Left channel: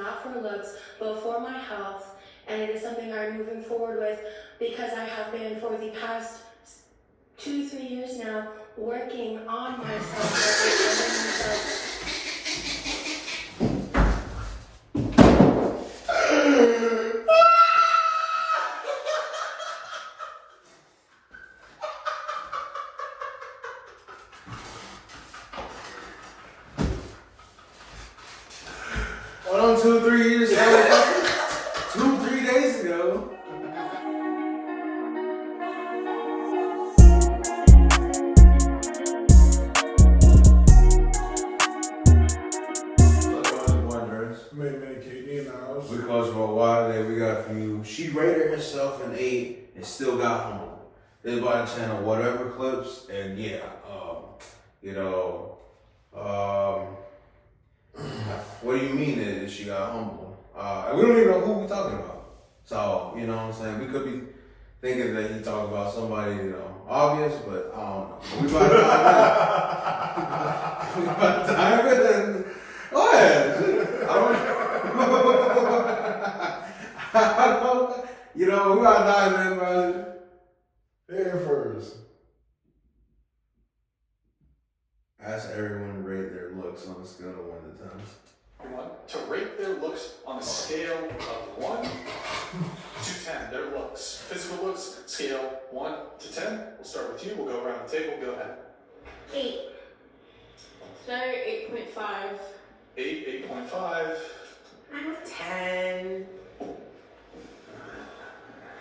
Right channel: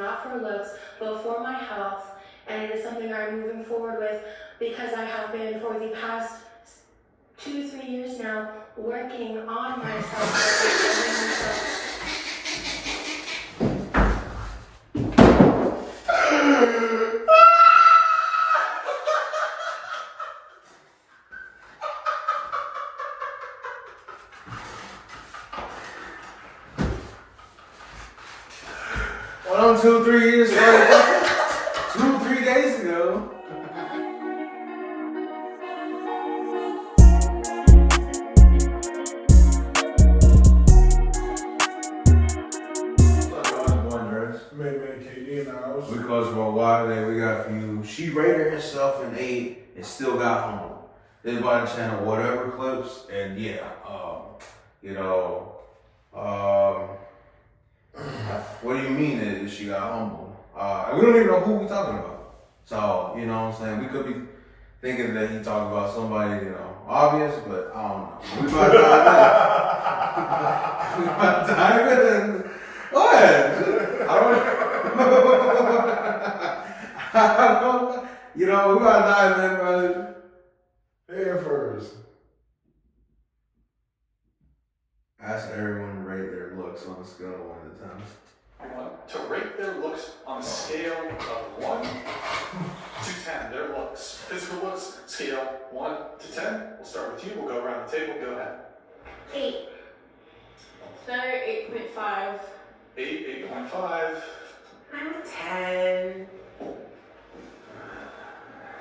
not for looks, but for my health. And it is something I'm moving forward with because I have been for the past 2-3 years now working on myself. Well, 2-3 years ago, 2-3 days ago. We coached for a while today. We got a few. She rated herself an 8 and still got home. This by the channel, whatever clips, and yeah, what do you mean that she got humble? We don't even know who we talking about. So, you know what I'm saying? We could be thinking that he talking about somebody, obvious, but I don't know. We about to dive in. We about to dive in. Go ahead. We about to dive in, brother. Head first. Ask everyone to rate their looks on a scale of 1 to 10. To rate their looks on a scale of 1 to 10. Their looks, physical looks, scale 1 to 10. We'll start with you. We'll go around the table. Go ahead. 8. Another 8.5. 8, 8.5. I'm a 10.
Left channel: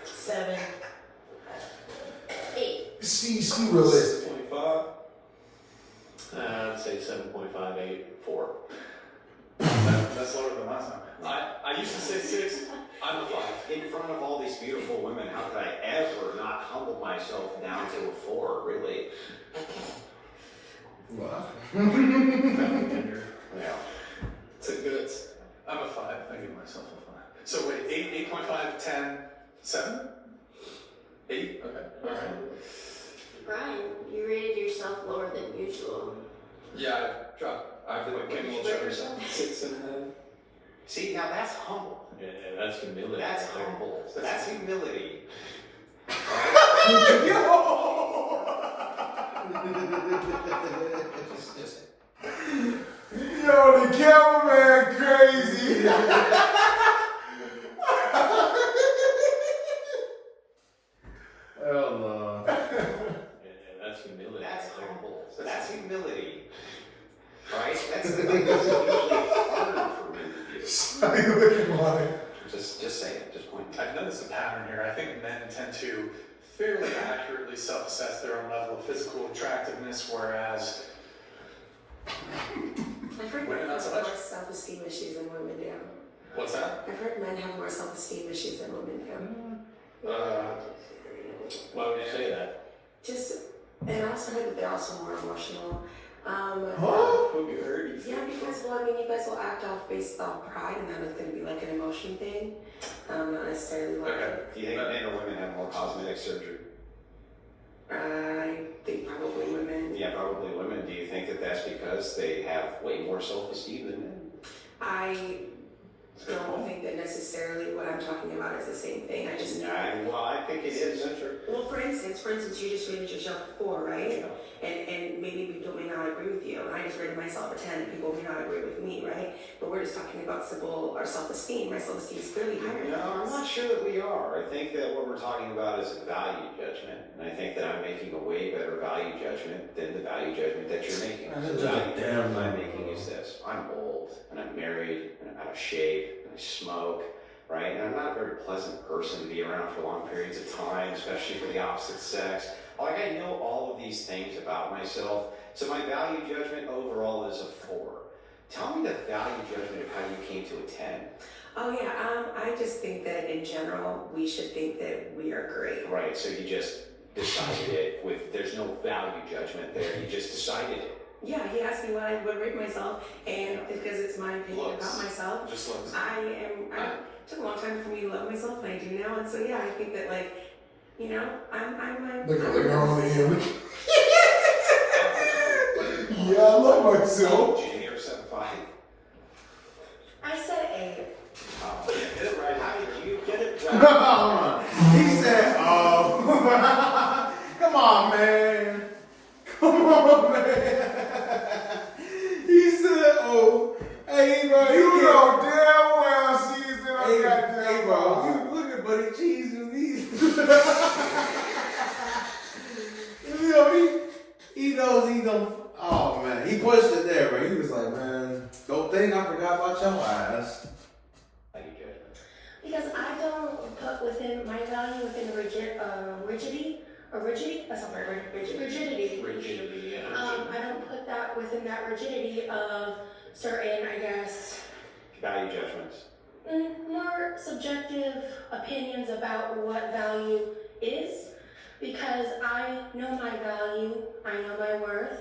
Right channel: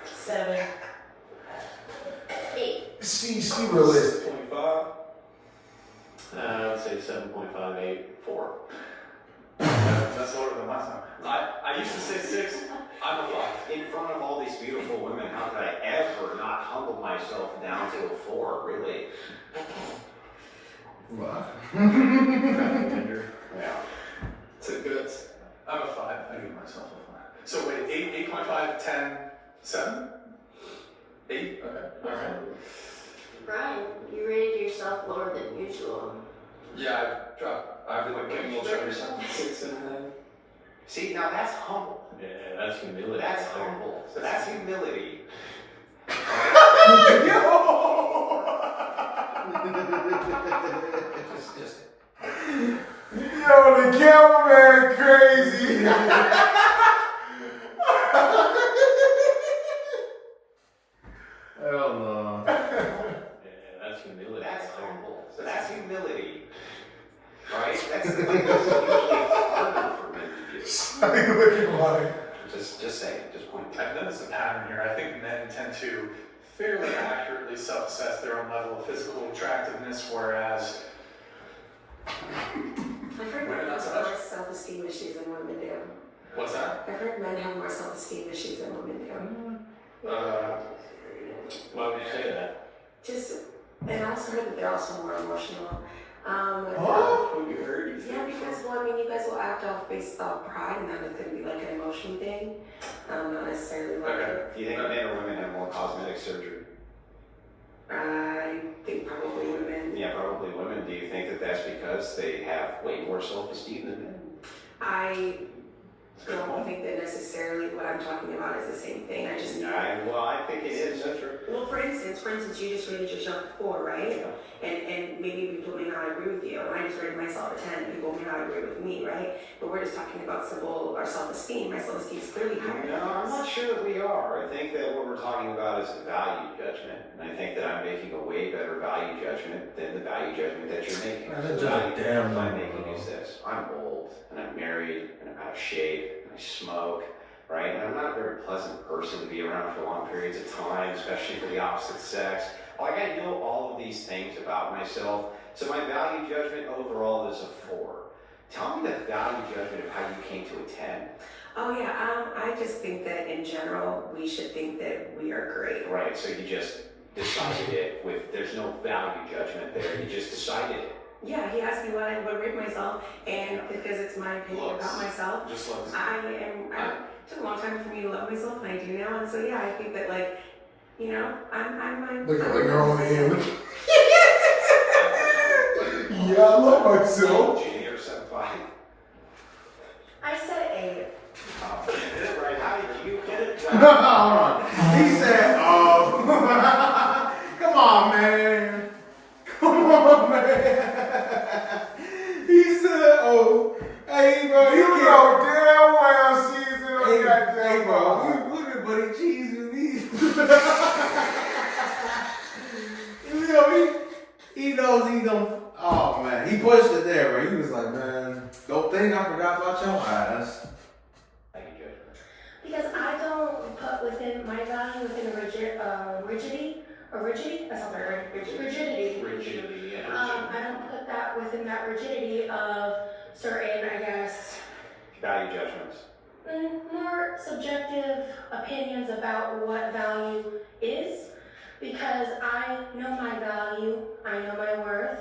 7. 8. She realistic. 6.5. I'd say 7.5, 8, 4. That's lower than last time. I used to say 6. I'm a 5. In front of all these beautiful women, how could I ever not humble myself down to a 4, really? What? Yeah. It's a good. I'm a 5. I give myself a 5. So wait, 8, 8.5, 10, 7? 8? Okay. All right. Brian, you rated yourself lower than usual. Yeah, I've been getting a little chubby. 6.5. See, now that's humble. Yeah, that's humility. That's humble. So that's humility. just Yo, the cameraman crazy. Hell no. Yeah, that's humility. That's humble. So that's humility. Right? That's the thing that's usually harder for men to do. How you looking like? Just say it. Just point. I've noticed a pattern here. I think men tend to fairly accurately self-assess their own level of physical attractiveness, whereas I've heard Women men not so have much. more self-esteem issues than women do. what's that? I've heard men have more self-esteem issues than women do. Why would you say that? And I also heard that they're also more emotional. Who you heard? Yeah, because, you guys will act off based off pride, and that is going to be like an emotion thing. Not necessarily like Okay. Do you think men or women have more cosmetic surgery? I think probably women. Yeah, probably women. Do you think that that's because they have way more self-esteem than men? I don't think that necessarily what I'm talking about is the same thing. I think it is. That's true. Well, for instance, you just rated yourself a 4, right? And maybe people may not agree with you. And I just rated myself a 10. People may not agree with me, right? But we're just talking about simple our self-esteem. My self-esteem is clearly higher. No, I'm not sure that we are. I think that what we're talking about is a value judgment. And I think that I'm making a way better value judgment than the value judgment that you're making. That's The just a value damn judgment I'm number, making bro. is this. I'm old, and I'm married, and I'm out of shape, and I smoke, right? And I'm not a very pleasant person to be around for long periods of time, especially for the opposite sex. Like, I know all of these things about myself, so my value judgment overall is a 4. Tell me the value judgment of how you came to a 10. Oh yeah, I just think that in general we should think that we are great. Right, so you just decided it there's no value judgment there, you just decided it. Yeah, he asked me what I would rate myself, and because it's my opinion Looks. about myself, Just looks. it took a long time for me to love myself, and I do now, and so yeah, I think that I'm Look at her on the end. Yeah, I love myself. Junior 7'5". I said 8. did you get it? Hold on. He said, oh, come on, man. Come on, man. He said, oh, hey, bro. You know damn well she's in her Hey, goddamn bro. phone. Look at Buddy Cheese and these. You know, he knows he don't. Oh, man. He pushed it there, bro. He was like, man, don't think I forgot about your ass. Value judgment. Because I don't put within my value within a rigidity. That's not right. Rigidity. Rigidity, yeah. I don't put that within that rigidity of certain, I guess, Value judgments. more subjective opinions about what value is. Because I know my value, I know my worth,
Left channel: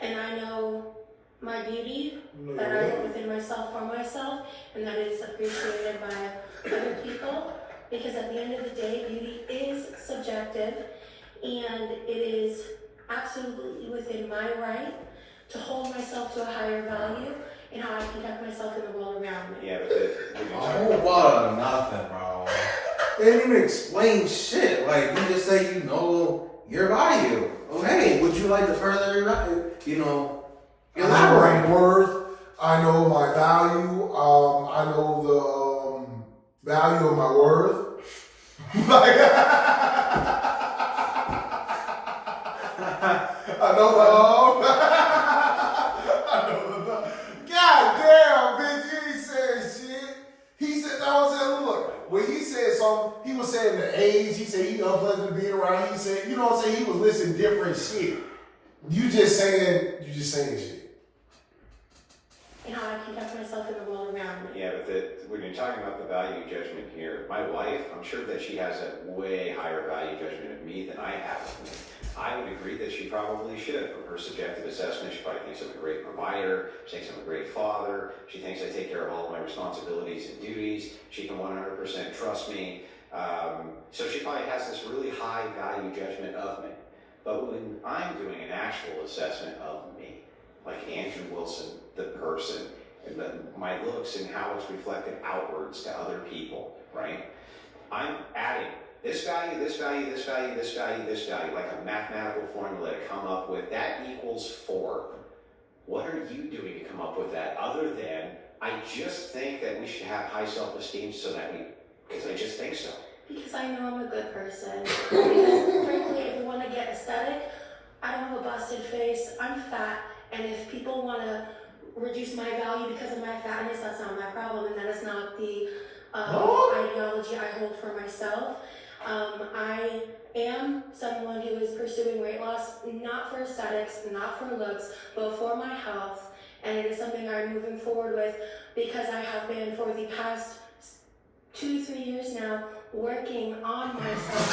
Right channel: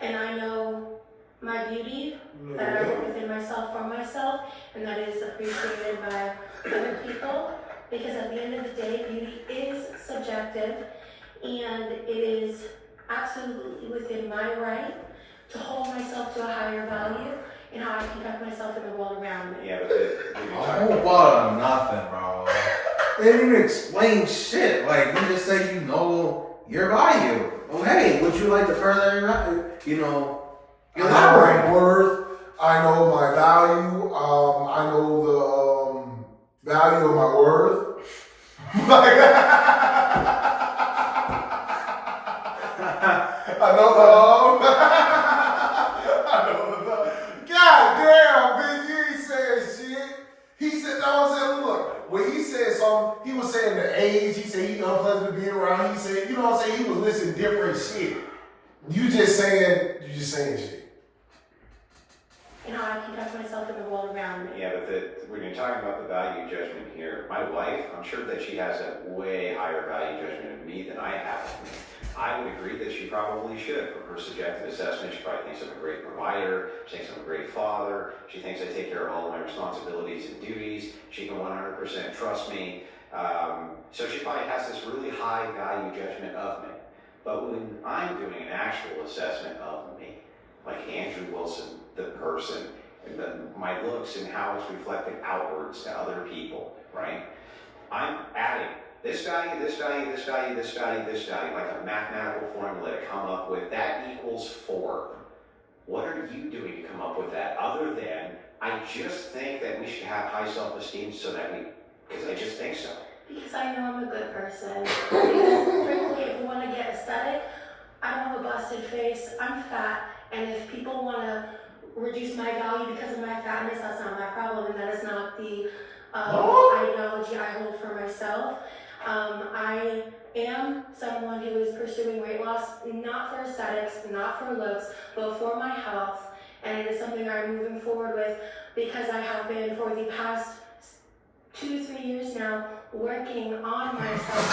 and I know my beauty that I put within myself for myself, and that is appreciated by other people. Because at the end of the day, beauty is subjective, and it is absolutely within my right to hold myself to a higher value and how I conduct myself in the world around me. Yeah, but A whole bottle of nothing, bro. They didn't even explain shit. Like, you just say you know your value. Oh, hey, would you like to further your value? You know, I know elaborate. my worth. I know my value. I know the value of my worth. Like, I know God damn, bitch, you ain't saying shit. He said, no, I'm saying, look, when he said something, he was saying the age, he said he unpleasant to be around, he said, you know what I'm saying, he was listing different shit. You just saying shit. And how I conduct myself in the world around me. yeah, but when you're talking about the value judgment here, my wife, I'm sure that she has a way higher value judgment of me than I have of me. I would agree that she probably should. From her subjective assessment, she probably thinks I'm a great provider, she thinks I'm a great father, she thinks I take care of all of my responsibilities and duties, she can 100% trust me. So she probably has this really high value judgment of me. But when I'm doing an actual assessment of me, like Andrew Wilson, the person, and my looks and how it's reflected outwards to other people, right? I'm adding this value, this value, this value, this value, this value, like a mathematical formula to come up with that equals 4. What are you doing to come up with that other than, I just think that we should have high self-esteem so that because I just think so. Because I know I'm a good person. Because frankly, if you want to get aesthetic, I don't have a busted face, I'm fat, and if people want to reduce my value because of my fatness, that's not my problem, and that is not the ideology I hold for myself. I am someone who is pursuing weight loss, not for aesthetics, not for looks, but for my health, and it is something I'm moving forward with because I have been for the past 2-3 years now working on myself.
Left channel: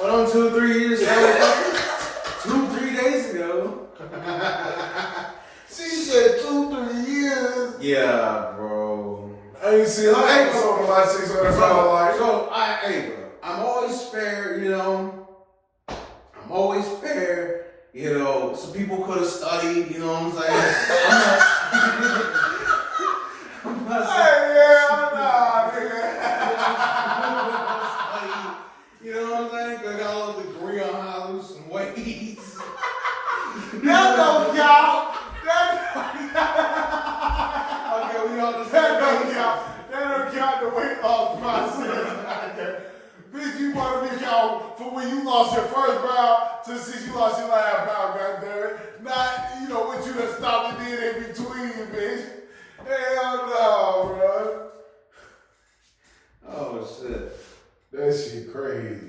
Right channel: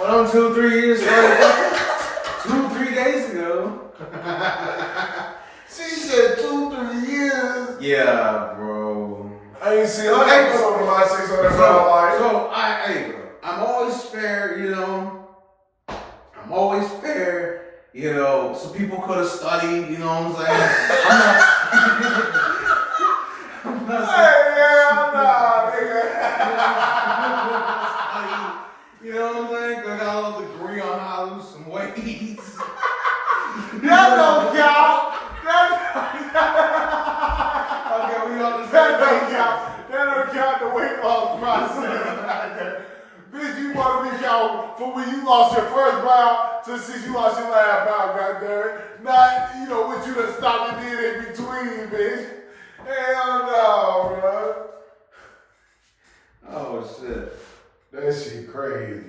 Well, 2-3 years ago, 2-3 days ago. She said 2-3 years. Yeah, bro. I ain't seen her episode of my 600 pound life. So hey, bro, I'm always fair, you know. I'm always fair, you know. Some people could have studied, you know what I'm saying? I'm not Hey, yeah, nah, nigga. you know what I'm saying? 'Cause I got a little degree on how to lose some weight. That don't count. Okay, we on the That same don't page. count. That don't count the weight loss process. Bitch, you want to be count for when you lost your first pound to since you lost your last pound, goddammit. Not, you know, what you done stopped and did in between, bitch. Hell no, bro. Oh shit. That shit crazy.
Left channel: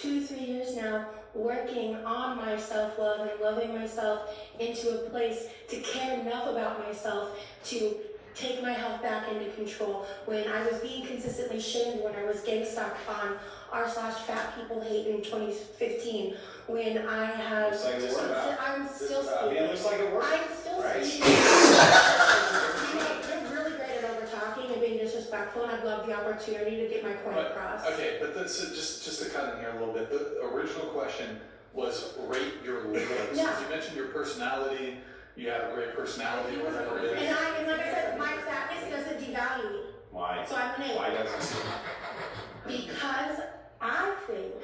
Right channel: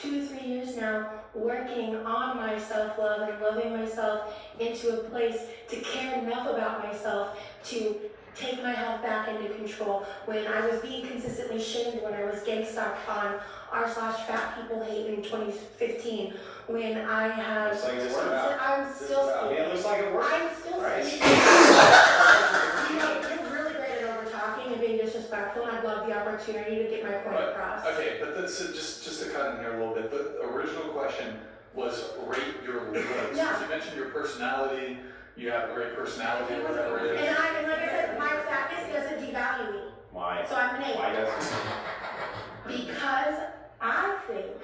2-3 years now working on my self-love and loving myself into a place to care enough about myself to take my health back into control. When I was being consistently shamed when I was gang stalked on r/fat people hate in 2015, when I had Looks like it worked out. I'm still I mean, it looks like it worked I'm still right? speaking. respectful, and I'd love the opportunity to get my point Right. across. Okay, but that's just to cut in here a little bit. The original question was rate your looks. Yeah. You mentioned your personality. You have a great personality, or whatever it is. And like I said, my fatness doesn't devalue me. Why? So I'm an 8. Why doesn't it? Because I think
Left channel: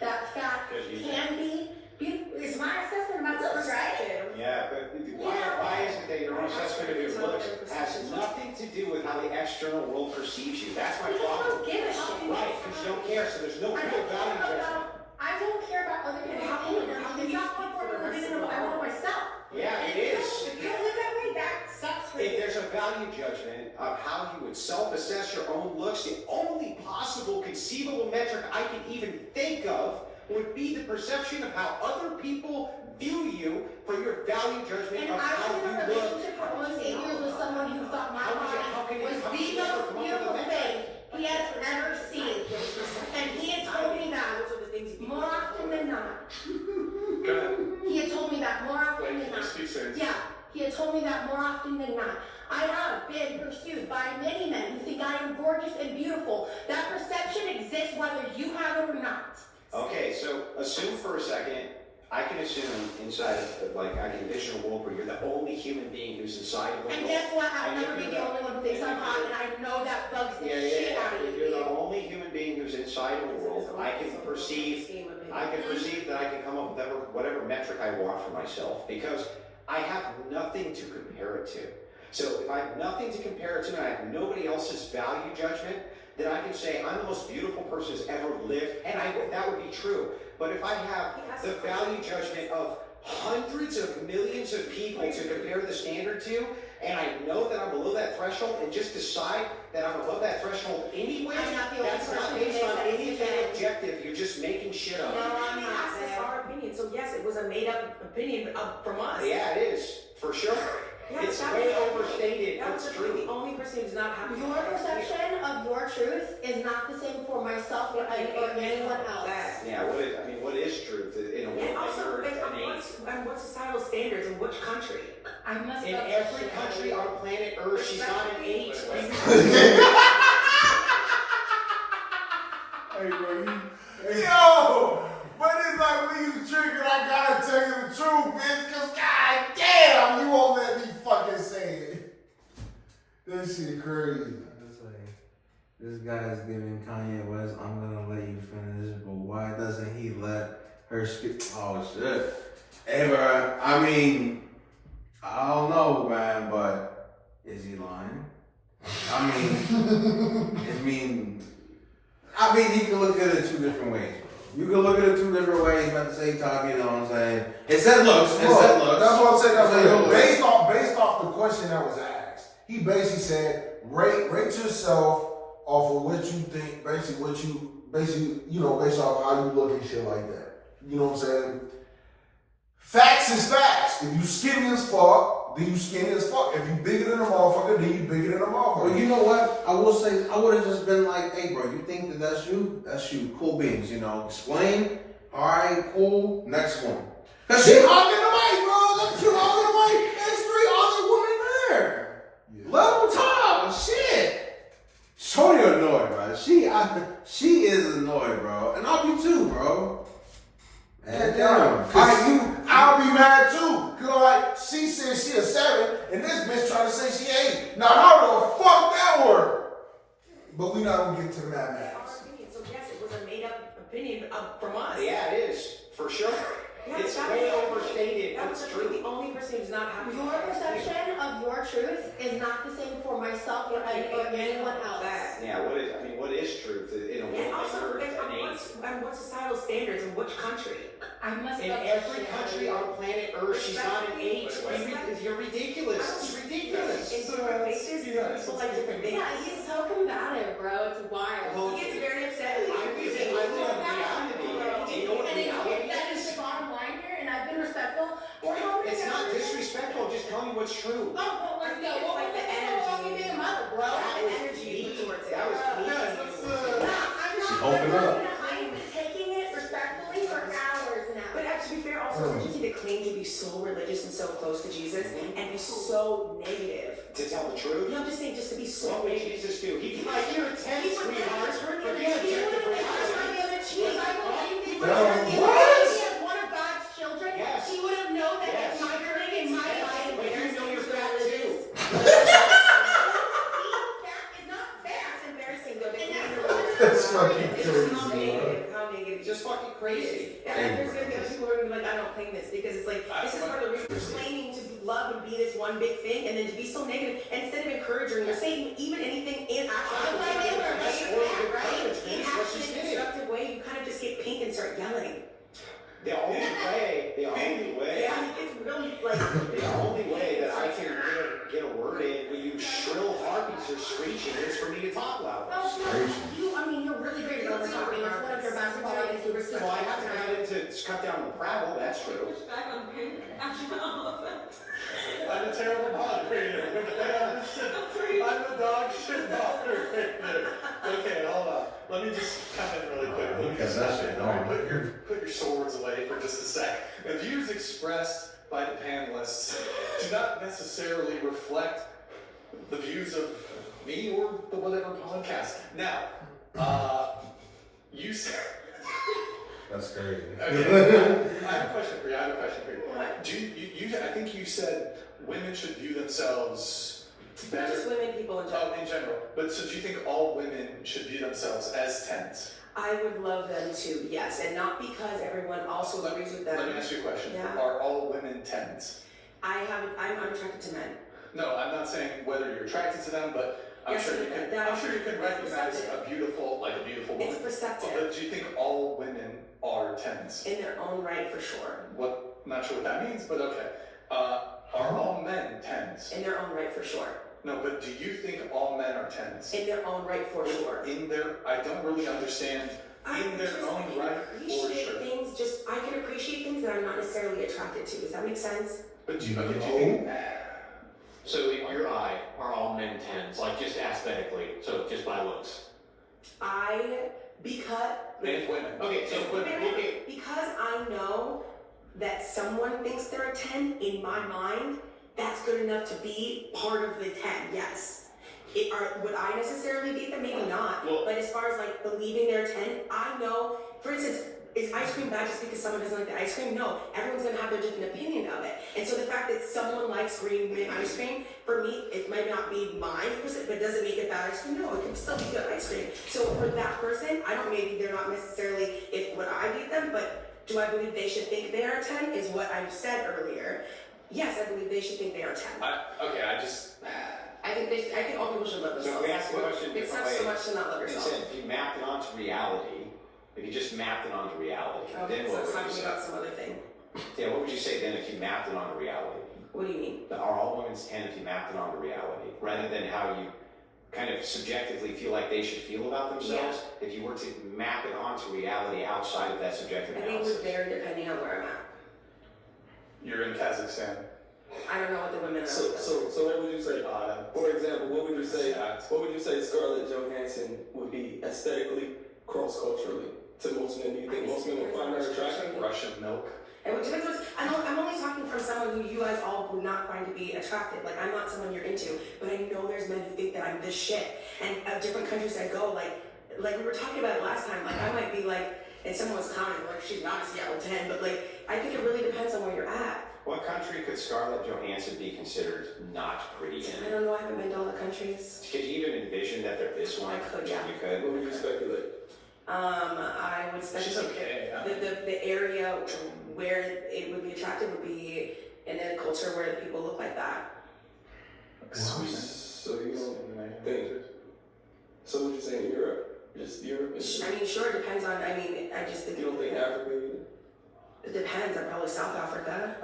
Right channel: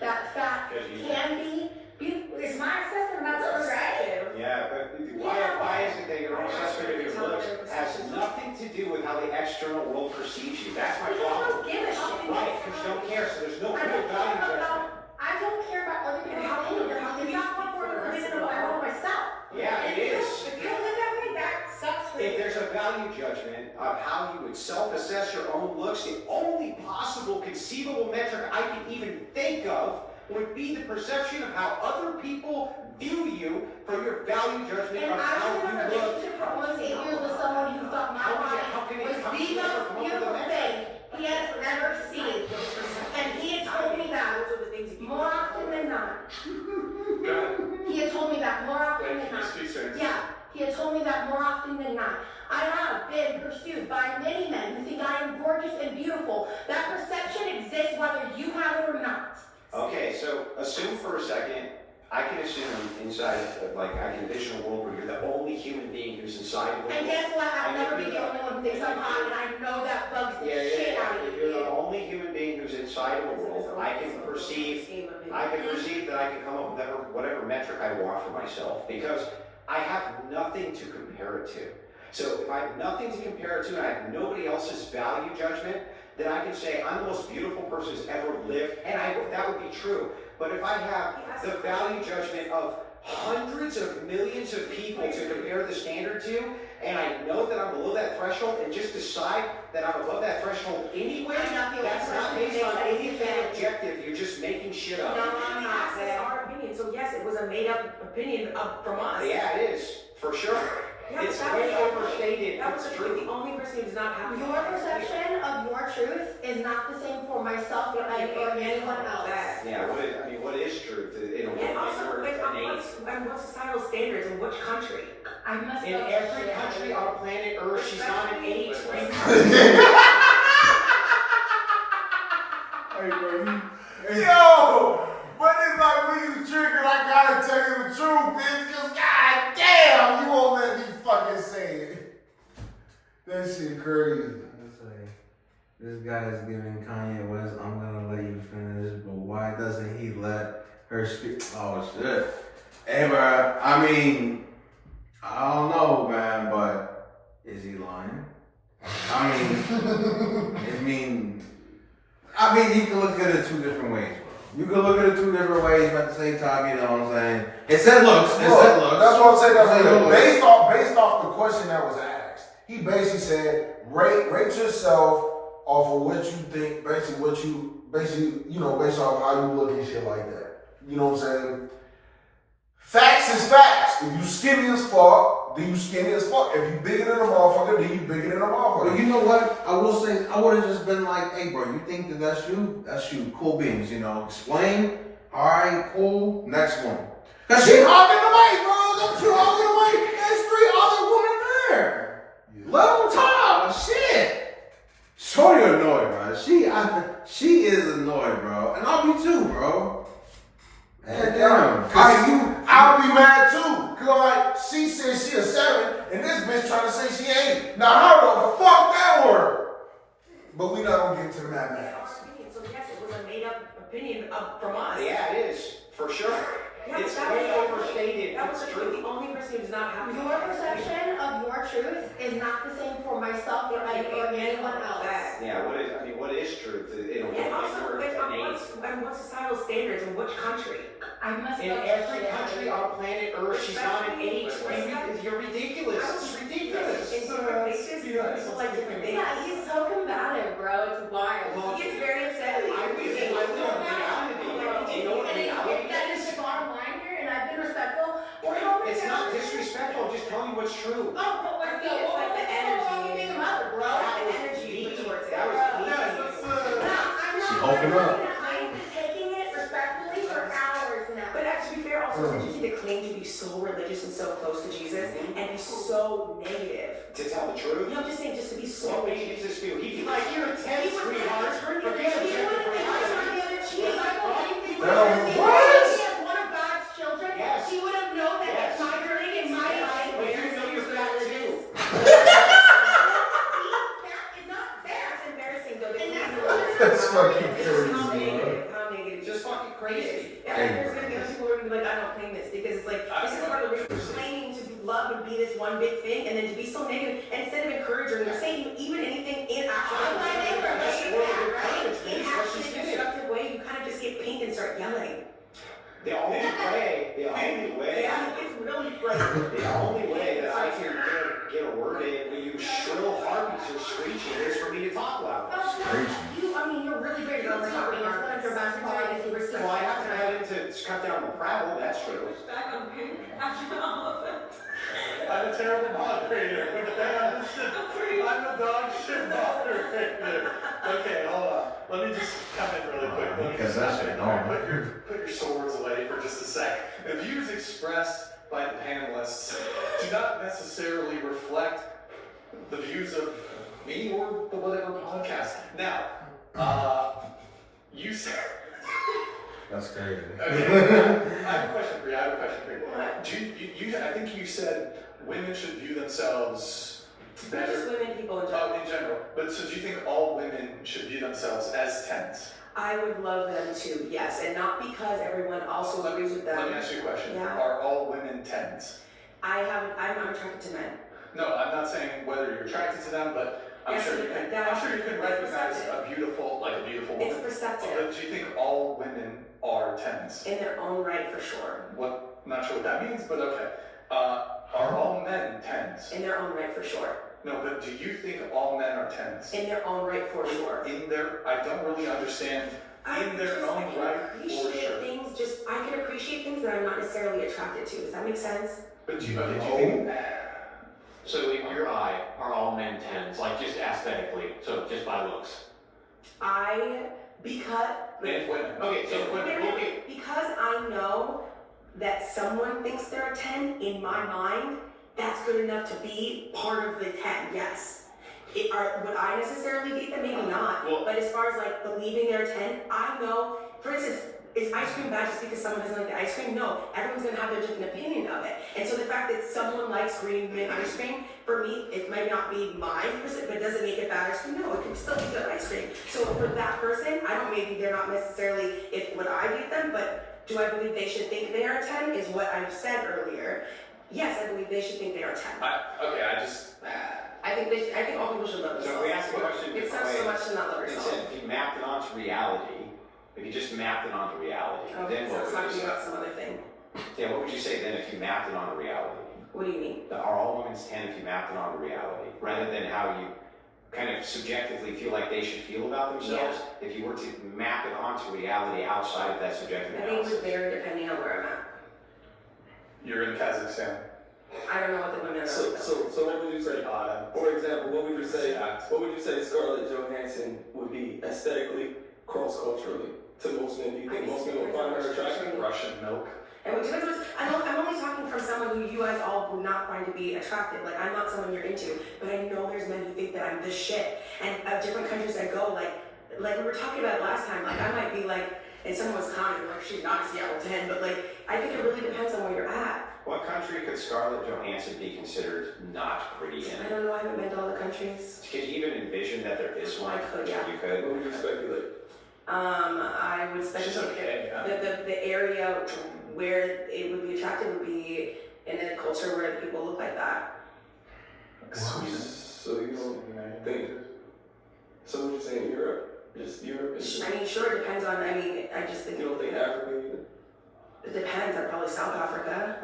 that fat Because you- can be beautiful. It's my assessment about looks, right? Yeah, but why is it that your own assessment of your looks has nothing to do with how the external world perceives you? That's my Because I problem. don't give a shit. Right, because you don't care, so there's no I real don't care value judgment. about. I don't care about other people's opinion. It's not more important than what I want myself. Yeah, And it if is. you don't live that way, that sucks for If you. there's a value judgment of how you would self-assess your own looks, the only possible conceivable metric I can even think of would be the perception of how other people view you for your value judgment And of I how was in a you look. relationship for almost 8 years with someone who thought my How body can you was ever the come up most with a beautiful metric? thing he has ever seen. And he had told me that Those are the things that people more often than not. Go ahead. He had told me that more often Wait, than can you not. speak serious? Yeah, he had told me that more often than not. I have been pursued by many men who think I am gorgeous and beautiful. That perception exists whether you have it or not. Okay, so assume for a second, I can assume inside, I can envision a world where you're the only human being who's inside of the And world. guess what? I'll And never you're be the only one who thinks I'm hot, and I know that bugs the shit out of You're the you. only human being who's inside of the world. I can perceive that I can come up with whatever metric I want for myself because I have nothing to compare it to. So if I have nothing to compare it to and I have nobody else's value judgment, then I can say I'm the most beautiful person who's ever lived, and that would be true. But if I have the value judgment of hundreds of millions of people to compare the standard to, and I know that I'm below that threshold and just decide that I'm above that threshold anyway, I'm not the only that's not person who based makes on that anything decision. objective. You're just making shit up. No, I'm not. That's our opinion. So yes, it was a made-up opinion from us. Yeah, it is, for sure. Yeah, It's that way was- overstated. That was It's the true. the only person who's not happy. Your perception of your truth is not the same for myself or anyone else. Yeah, what is truth? In a world And that also, you're an eight. and what societal standards in which country? I must In love every this shit. country on planet Earth, she's not an 8. Hey, bro, yo, but it's like when you triggered, I gotta tell you the truth, bitch, cause god damn, you won't let me fucking say it. That shit crazy. It's like, this guy is giving Kanye West, I'm gonna let you finish, but why doesn't he let her speak? Oh shit. Hey, bro, I mean, I don't know, man, but is he lying? I mean, you can look at it 2 different ways, bro. You can look at it 2 different ways, but at the same time, you know what I'm saying? It said looks. It said looks. That's what I'm saying. That's It said what looks. based off the question that was asked. He basically said, rate yourself off of what you think, based off how you look and shit like that. You know what I'm saying? Facts is facts. If you skinny as fuck, then you skinny as fuck. If you bigger than a motherfucker, then you bigger than a motherfucker. Well, you know what? I will say, I would have just been like, hey, bro, you think that that's you? That's you. Cool beans, you know. Explain. All right, cool. Next one. Cause she hogging the mic, bro. Them 2 hogging the mic. There's 3 other women there. Level top. Shit. Shorty annoyed, bro. She is annoyed, bro. And I'll be too, bro. Man, damn. I'll be mad too. Cause like she said she a 7, and this bitch trying to say she 8. Now how the fuck that work? But we not gonna get to the That's mathematics. our opinion. So yes, it was a made-up opinion from us. Yeah, it is, for sure. Yeah, It's that way was- overstated. That was It's the true. only person who's not happy. Your perception of your truth is not the same for myself or anyone else. Yeah, what is truth? In a world And that also, you're an 8. and what societal standards in which country? I must In love this every shit. country on planet Earth, she's not an 8. You're ridiculous. It's ridiculous. In different places, people like different things. Yeah, he's so combative, bro. It's wild. Well, He gets very upset. I live in reality. Do you know what And reality that is is? the bottom line here, and I've been respectful. We're helping It's not disrespectful. I'm just telling you what's true. Oh, but let's go. It's like the energy. Being a mother, bro. That was energy you put deep. towards it. That was No, deep. I'm not. She opened up. I'm taking it respectfully for hours now. But to be fair, also, it's easy to claim to be so religious and so close to Jesus and be so negative. To tell the truth? No, I'm just saying, just to be so What would negative. Jesus do? He'd be like, you're a 10, sweetheart. Forget He it. wouldn't have the other cheek. What? One of God's children. Yes. She would have known that Yes. it's my drink and my life. But you know you're fat too. It's not fair. That's embarrassing though. That's fucking It's crazy, how man. negative, how negative. Just fucking crazy. Yeah, and there's gonna be other people who are gonna be like, I don't claim this because it's like this is part of the reason claiming to love and be this one big thing, and then to be so negative, and instead of encouraging or saying even anything in actually constructive way, you kind of just get pink and start yelling. The only way Yeah, it's really like the only way that I can get a word in when you shrill harpies are screeching is for me to talk loud. You're really great at overtalking. It's one of your best qualities. You were so Well, I have to cut into cut down the prattle, that's true. back on pink after all of it. I'm a terrible moderator. I'm the dog shit moderator. Okay, hold on. Let me just come in really quickly. Because that shit, no. Put your swords away for just a sec. The views expressed by the panelists do not necessarily reflect the views of me or the whatever podcast. Now, you said. That's crazy. Okay, I have a question for you. Do you, I think you said women should view themselves better. Just women, people in general. Oh, in general. But so do you think all women should view themselves as 10s? I would love them to, yes, and not because everyone also agrees with them. Let me ask you a question. Yeah. Are all women 10s? I'm attracted to men. No, I'm not saying whether you're attracted to them, but I'm Yes, sure you can. that- I'm sure you can recognize perceptive. a beautiful It's woman. perceptive But do you think all women are 10s? in their own right for sure. What? Not sure what that means, but okay. Are all men 10s? In their own right for sure. No, but do you think all men are 10s? In their own right for sure. In their, I don't really understand. In their own right, for appreciate sure. things. I can appreciate things that I'm not necessarily attracted to. Does that make sense? But do you think? So in your eye, are all men 10s, like just aesthetically, so just by looks? Because And women. Okay, so because I know that someone thinks they're a 10, in my mind, that's good enough to be part of the 10, yes. Would I necessarily date them? Maybe not. Well- But as far as like believing they're a 10, I know, for instance, is ice cream bad just because someone doesn't like the ice cream? No, everyone's gonna have their different opinion of it. And so the fact that someone likes green mint ice cream, for me, it might not be my person, but does it make it bad ice cream? No, it can still be good ice cream. So for that person, maybe they're not necessarily would I date them, but do I believe they should think they are 10 is what I've said earlier. Yes, I believe they should think they are 10. I think all people should love themselves. So if we ask the question It different sucks way, so much to not love it yourself. said if you mapped it onto reality, if you just mapped it onto reality, then So what it's would you talking say? about some other thing. Yeah, what would you say then if you mapped it onto reality? What do you mean? Are all women's 10 if you mapped it onto reality, rather than how you kind of subjectively feel like they should feel about themselves? If you were to map it onto reality outside of that subjective I think it would analysis. vary depending on where I'm at. You're in Kazakhstan. I don't know what the women are. So what would you say? For example, what would you say Scarlett Johansson would be aesthetically, cross-culturally to most men? Do you think most men would find her attractive? Russian milk. And I'm only talking from someone who you guys all would not find to be attractive. Like, I'm not someone you're into, but I know there's men who think that I'm this shit. And at different countries I go, like we were talking about it last time, like I might be like, and someone was commenting, like, she's not a Seattle 10, but like, I think it really depends on where you're at. What country could Scarlett Johansson be considered not pretty I in? don't know, I haven't been to all the countries. Could you even envision that there is one? I could, yeah. You could? What would you speculate? I would She's speculate okay. the area where it would be attractive would be in a culture where the people look like that. Sweden. So you don't think? So what you saying? Europe? Just Europe? I mean, sure, it depends on, I just think. You don't think Africa either? It depends. I'm probably South Africa.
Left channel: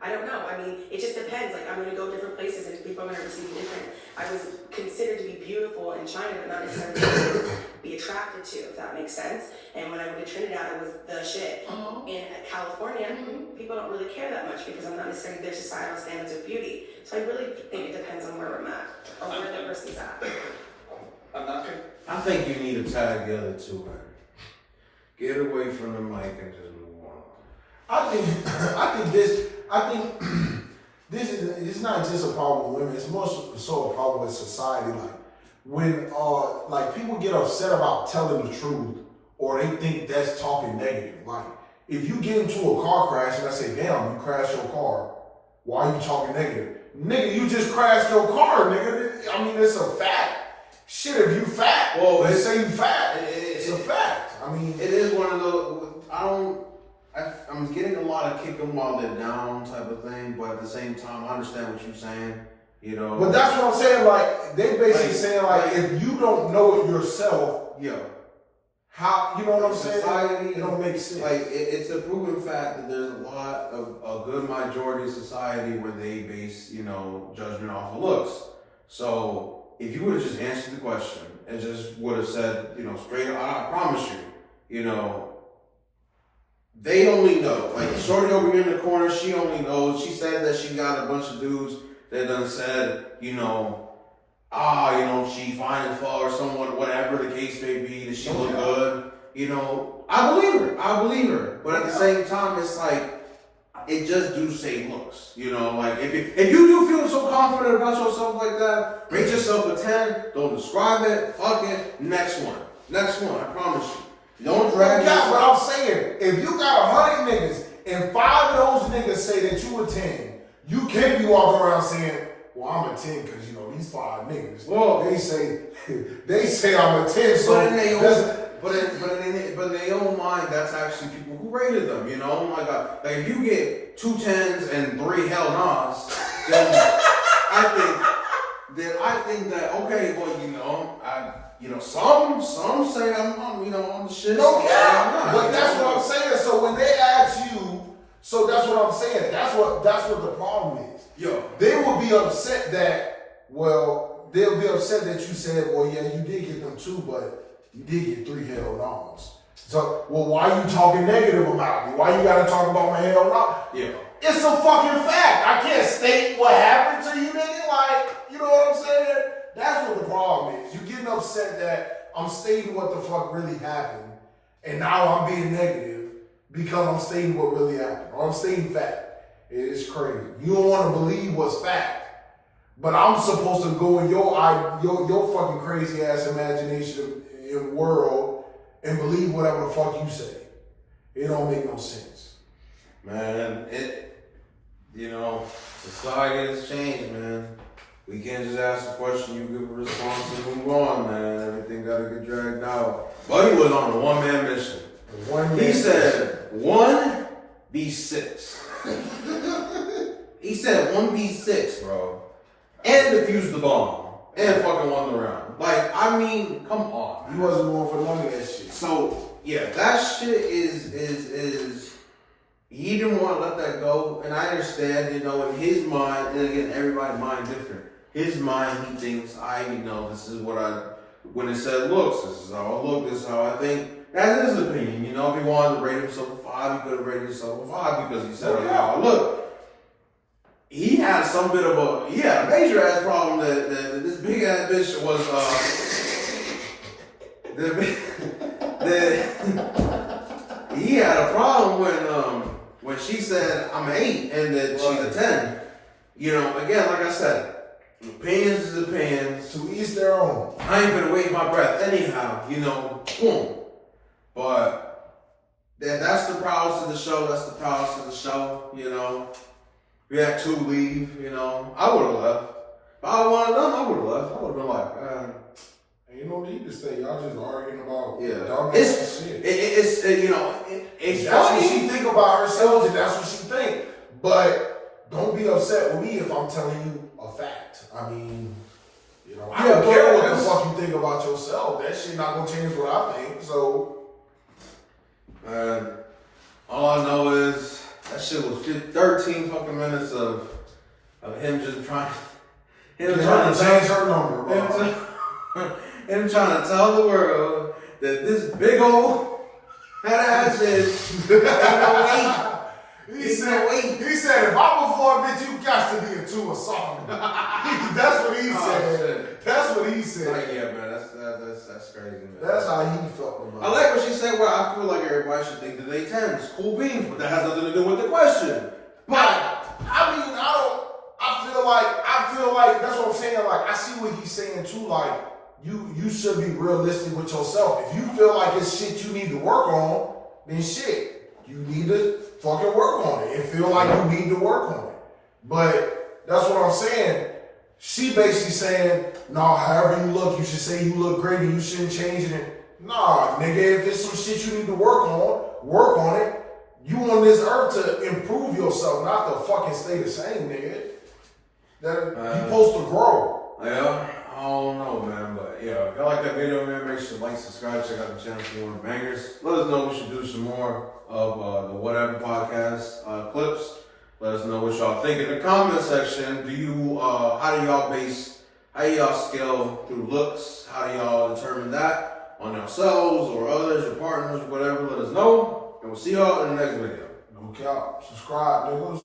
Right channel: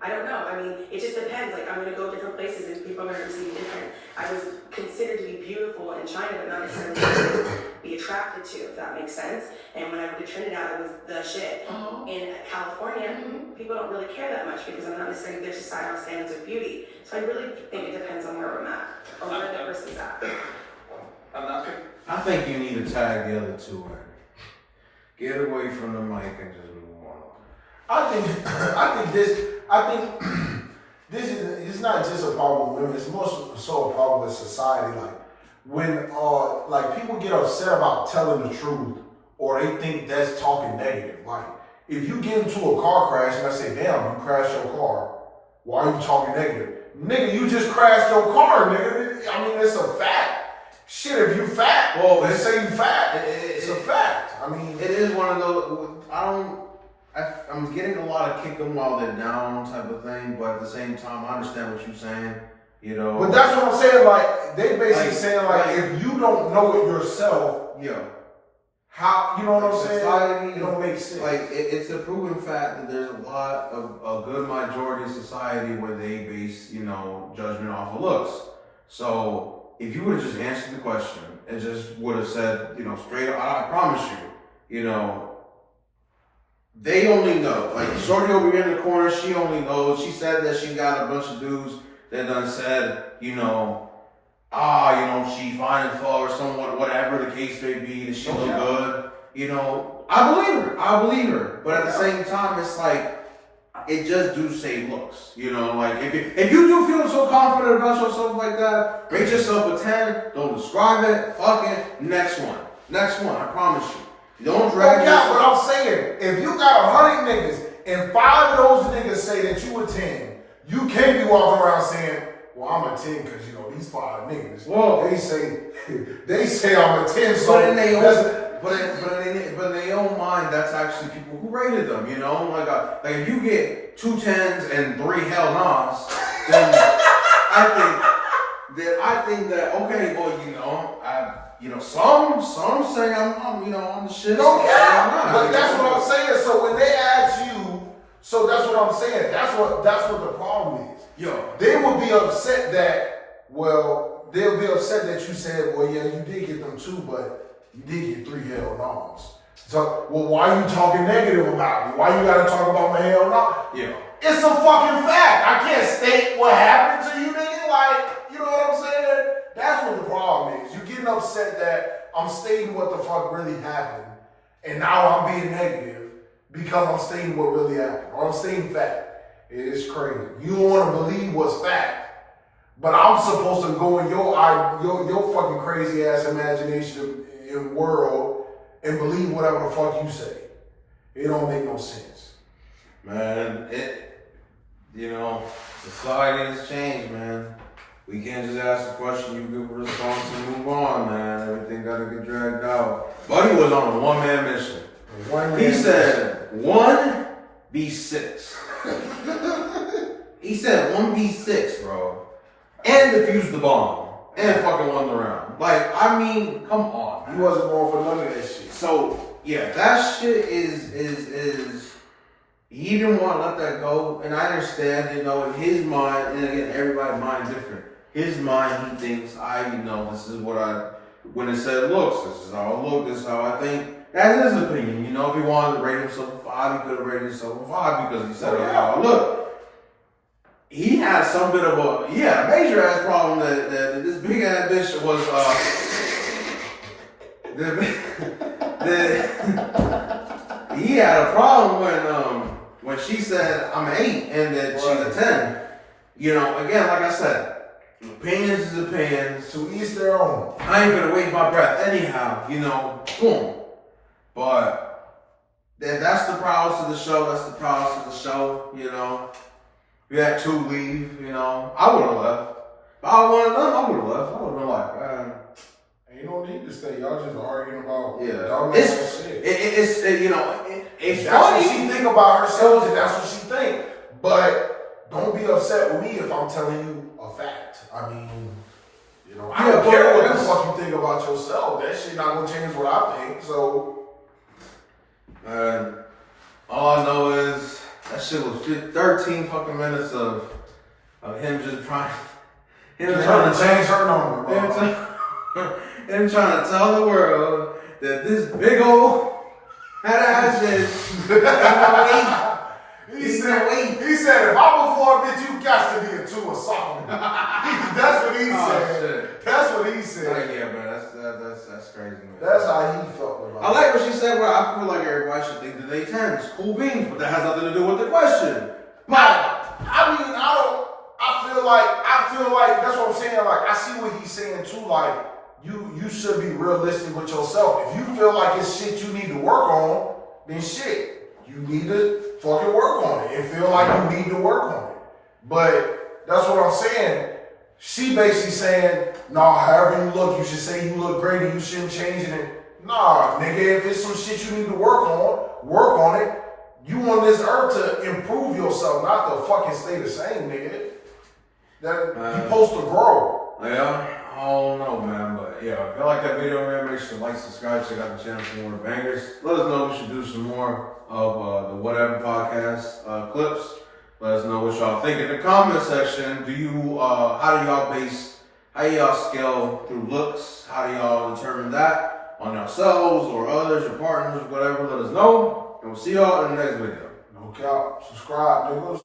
I don't know. I mean, it just depends. Like, I'm going to go different places and people are going to receive me different. I was considered to be beautiful in China, but not necessarily be attracted to, if that makes sense. And when I went to Trinidad, it was the shit. In California, people don't really care that much because I'm not necessarily their societal standards of beauty. So I really think it depends on where I'm at or where the person's at. I'm not good. I think you need to tag the other two in. Get away from the mic and just move on. I think this is it's not just a problem with women. It's more so a problem with society. Like when like people get upset about telling the truth, or they think that's talking negative. Like if you get into a car crash and I say, "Damn, you crashed your car," why are you talking negative? Nigga, you just crashed your car, nigga. I mean, it's a fact. Shit, if you fat, Well, they say you fat. It's a fact. I mean, it is one of those. I'm getting a lot of kick them while they're down type of thing, but at the same time, I understand what you're saying. You know. but that's what I'm saying. Like they basically Like- saying like if you don't know it yourself, Yo, how you know what I'm saying? society, It don't make sense. like it's a proven fact that there's a lot of a good majority of society where they base, you know, judgment off of looks. So if you would have just answered the question and just would have said, you know, straight up, I promise you, you know, they only know. Like Shorty over here in the corner, she only knows. She said that she got a bunch of dudes that done said, you know, you know, she fine as fuck or someone, whatever the case may be, that she look good. You know, I believe her. But at the same time, it's like, it just do say looks. You know, like if you do feel so confident about yourself like that, rate yourself a 10, don't describe it, fuck it, next one, I promise you. Don't drag That's what yourself. I'm saying. If you got 100 niggas and 5 of those niggas say that you a 10, you can't be walking around saying, "Well, I'm a 10 because you know these 5 niggas." Whoa. They say I'm a 10. So But in their that's- own, but in their own mind, that's actually people who rated them. You know, like if you get 2 10s and 3 hell no's, then I think that okay, well, you know, some say I'm you know, I'm the shit. don't care. I'm not, But you that's know? what I'm saying. So when they ask you, so that's what I'm saying. That's what the problem is. Yo, They will be upset that, well, they'll be upset that you said, well, yeah, you did get them 2, but you did get 3 hell no's. So, well, why are you talking negative about me? Why you gotta talk about my hell no? yeah. It's a fucking fact. I can't state what happened to you, nigga. Like, you know what I'm saying? That's what the problem is. You're getting upset that I'm stating what the fuck really happened, and now I'm being negative because I'm stating what really happened, or I'm stating fact. It is crazy. You don't want to believe what's fact, but I'm supposed to go in your fucking crazy ass imagination in world and believe whatever the fuck you say. It don't make no sense. Man, you know, society has changed, man. We can't just ask a question, you give a response and move on, man. Everything gotta get dragged out. Buddy was on a one-man mission. He said 1v6. He said 1v6, bro. And defused the bomb. And fucking won the round. Like, I mean, come on. He wasn't going for none of that shit. So, yeah, that shit is he didn't want to let that go. And I understand, you know, in his mind, and again, everybody's mind different. His mind, he thinks, this is what when it said looks, this is how I look, this is how I think. That's his opinion, you know. If he wanted to rate himself a 5, he could have rated himself a 5 because he said, oh, how I look. He had some bit of a major ass problem that this big ass bitch was he had a problem when she said I'm an 8 and that she's a 10. You know, again, like I said, opinions is opinions. To each their own. I ain't gonna waste my breath anyhow, you know, boom. But that's the prowess of the show, that's the prowess of the show, you know. We had 2 leave, you know. I would have left. If I wanted them, I would have left. I would have been like, Ain't no need to stay. Y'all just arguing about yeah. dumb It's ass shit. It's That's what funny. she think about herself, and that's what she think. But don't be upset with me if I'm telling you a fact. I mean, you know, I don't care what the fuck you think about yourself. That shit not gonna change what I think. So, all I know is that shit was 13 fucking minutes of him just trying. Him trying to change her number, bro. Him trying to tell the world that this big old head ass is He said, if I'm a 4, bitch, you got to be a 2 or something. That's what he said. Shit. That's what he said. Yeah, man, that's That's crazy, man. That's how he felt about it. I like what she said, where I feel like everybody should think that they 10s. Cool beans, but that has nothing to do with the question. I feel like that's what I'm saying. Like, I see what he's saying too. Like, you should be realistic with yourself. If you feel like it's shit you need to work on, then shit, you need to fucking work on it and feel like you need to work on it. But that's what I'm saying. She basically saying, nah, however you look, you should say you look great and you shouldn't change it. Nah, nigga, if there's some shit you need to work on it. You on this earth to improve yourself, not to fucking stay the same, nigga. That you supposed to grow. Yeah, I don't know, man, but yeah, if y'all like that video, man, make sure to like, subscribe, check out the channel for more bangers. Let us know if we should do some more of the Whatever podcast clips. Let us know what y'all think in the comment section. Do you, how do y'all scale through looks? How do y'all determine that on yourselves or others, your partners, whatever? Let us know, and we'll see y'all in the next video. No cap. Subscribe, niggas.